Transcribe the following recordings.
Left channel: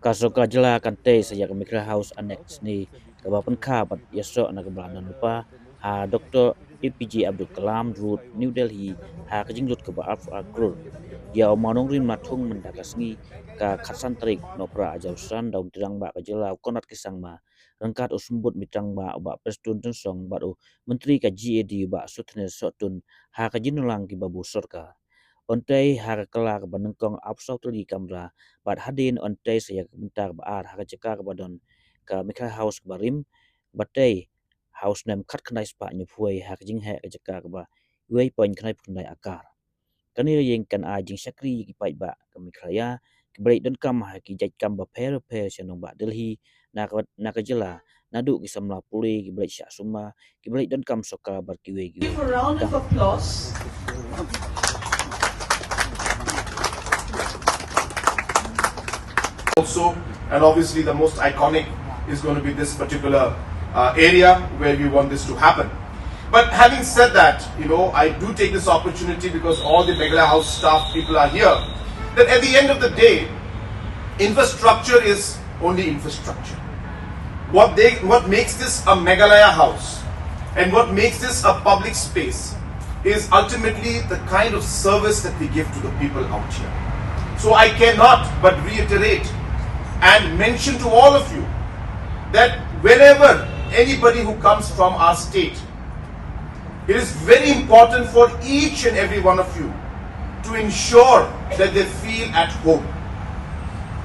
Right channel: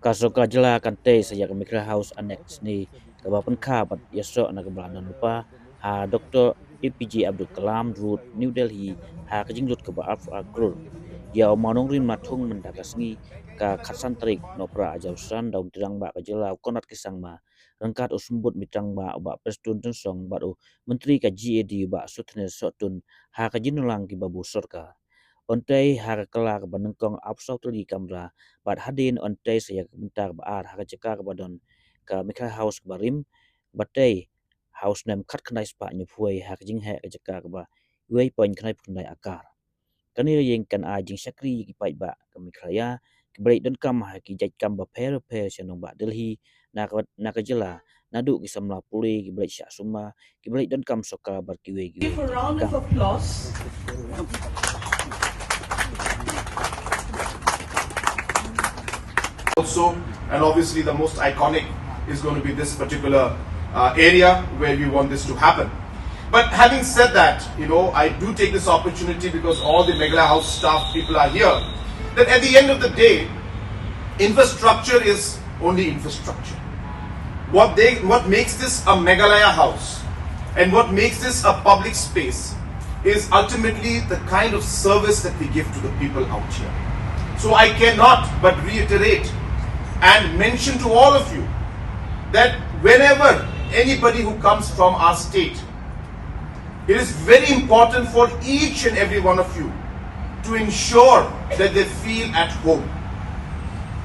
Kasoka jela kante saya ke Mikra House Annex ni ke Pynkha bat yaso na ke belanan lupa ha Dr. APJ Abdul Kalam Road New Delhi ha ke jinglut ke baaf Klur ya manong rin matung mendakas ni ka khatsan tarik no pra ajausan daun tirang ba ke jela konat kisang ma rengkat usumbut mitrang ba prestun song ba menteri ka GAD ba sutne sotun ha ke jinulang ki babu sorka ontai har kelak banengkong apsau tuli kamera bat hadin ontai saya bentar baar har cekar badon ke Mikha House barim batai house nem kat kenai spa nyupuai har jing he cekar ba wei poin kenai pendai akar kani yang kan a jing sakri ki pai ba ke Meghalaya ke break don kam ha ki jaj kam ba per senong ba Delhi nak jela nadu ki samla puli ki break sya suma ki break don kam soka bar ki wei Give a round of applause. Also, and obviously the most iconic is going to be this particular area where we want this to happen. But having said that, I do take this opportunity because all the Meghalaya House staff people are here, that at the end of the day, infrastructure is only infrastructure. What makes this a Meghalaya House and what makes this a public space is ultimately the kind of service that we give to the people out here. So I cannot but reiterate and mention to all of you that whenever anybody who comes from our state, it is very important for each and every one of you to ensure that they feel at home.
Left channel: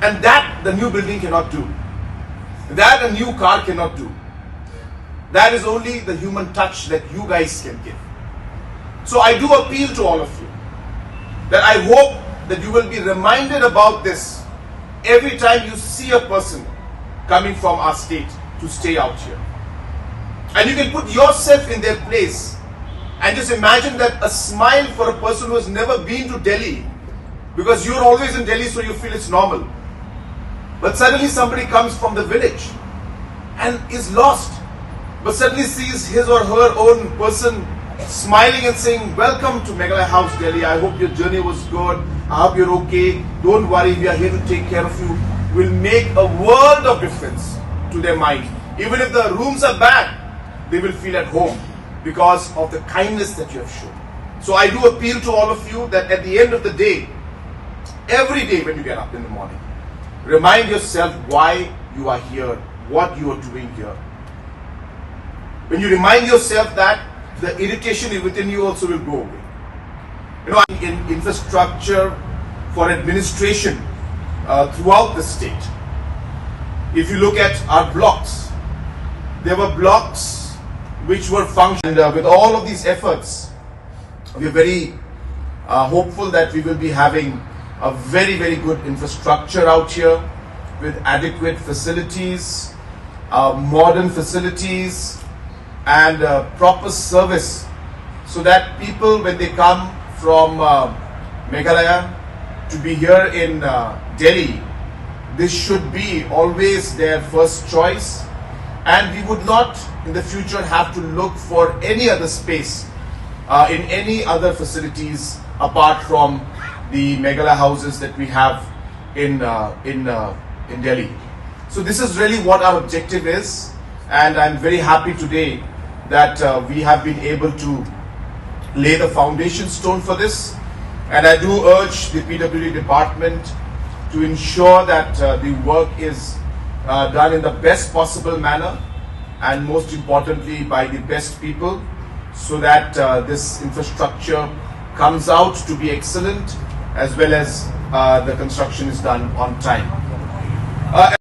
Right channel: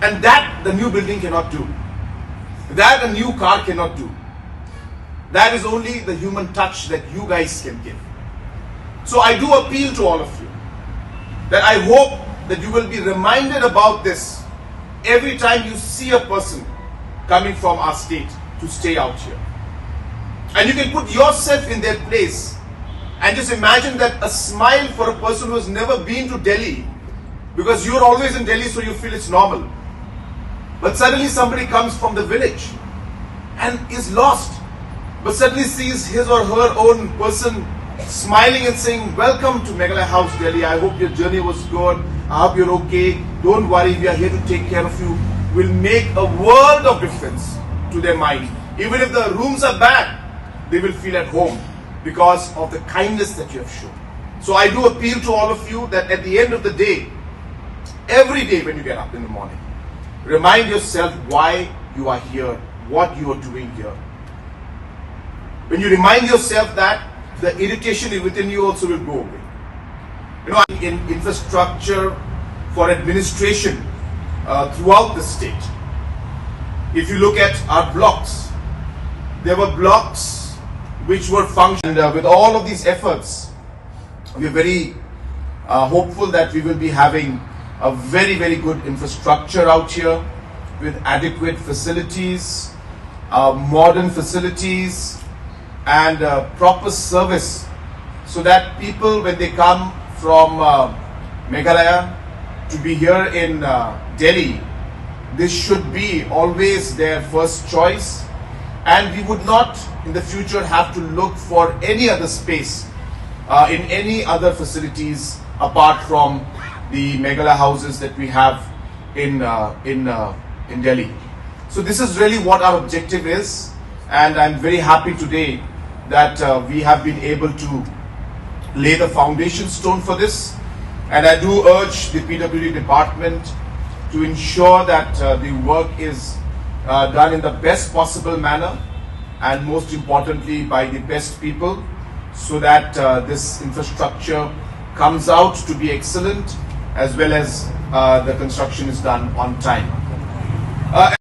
And that the new building cannot do. That a new car cannot do. That is only the human touch that you guys can give. So I do appeal to all of you that I hope that you will be reminded about this every time you see a person coming from our state to stay out here. And you can put yourself in their place and just imagine that a smile for a person who has never been to Delhi, because you're always in Delhi so you feel it's normal. But suddenly somebody comes from the village and is lost, but suddenly sees his or her own person smiling and saying, "Welcome to Meghalaya House, Delhi. I hope your journey was good. I hope you're okay. Don't worry, we are here to take care of you." Will make a world of difference to their mind. Even if the rooms are bad, they will feel at home because of the kindness that you have shown. So I do appeal to all of you that at the end of the day, every day when you get up in the morning, remind yourself why you are here, what you are doing here. When you remind yourself that, the irritation within you also will go away. In infrastructure for administration throughout the state, if you look at our blocks, there were blocks which were functioning. And with all of these efforts, we are very hopeful that we will be having a very, very good infrastructure out here with adequate facilities, modern facilities, and proper service, so that people, when they come from Meghalaya to be here in Delhi, this should be always their first choice, and we would not in the future have to look for any other space in any other facilities apart from the Meghalaya houses that we have in Delhi. So this is really what our objective is, and I'm very happy today that we have been able to lay the foundation stone for this. And I do urge the PWD department to ensure that the work is done in the best possible manner, and most importantly by the best people, so that this infrastructure comes out to be excellent, as well as the construction is done on time.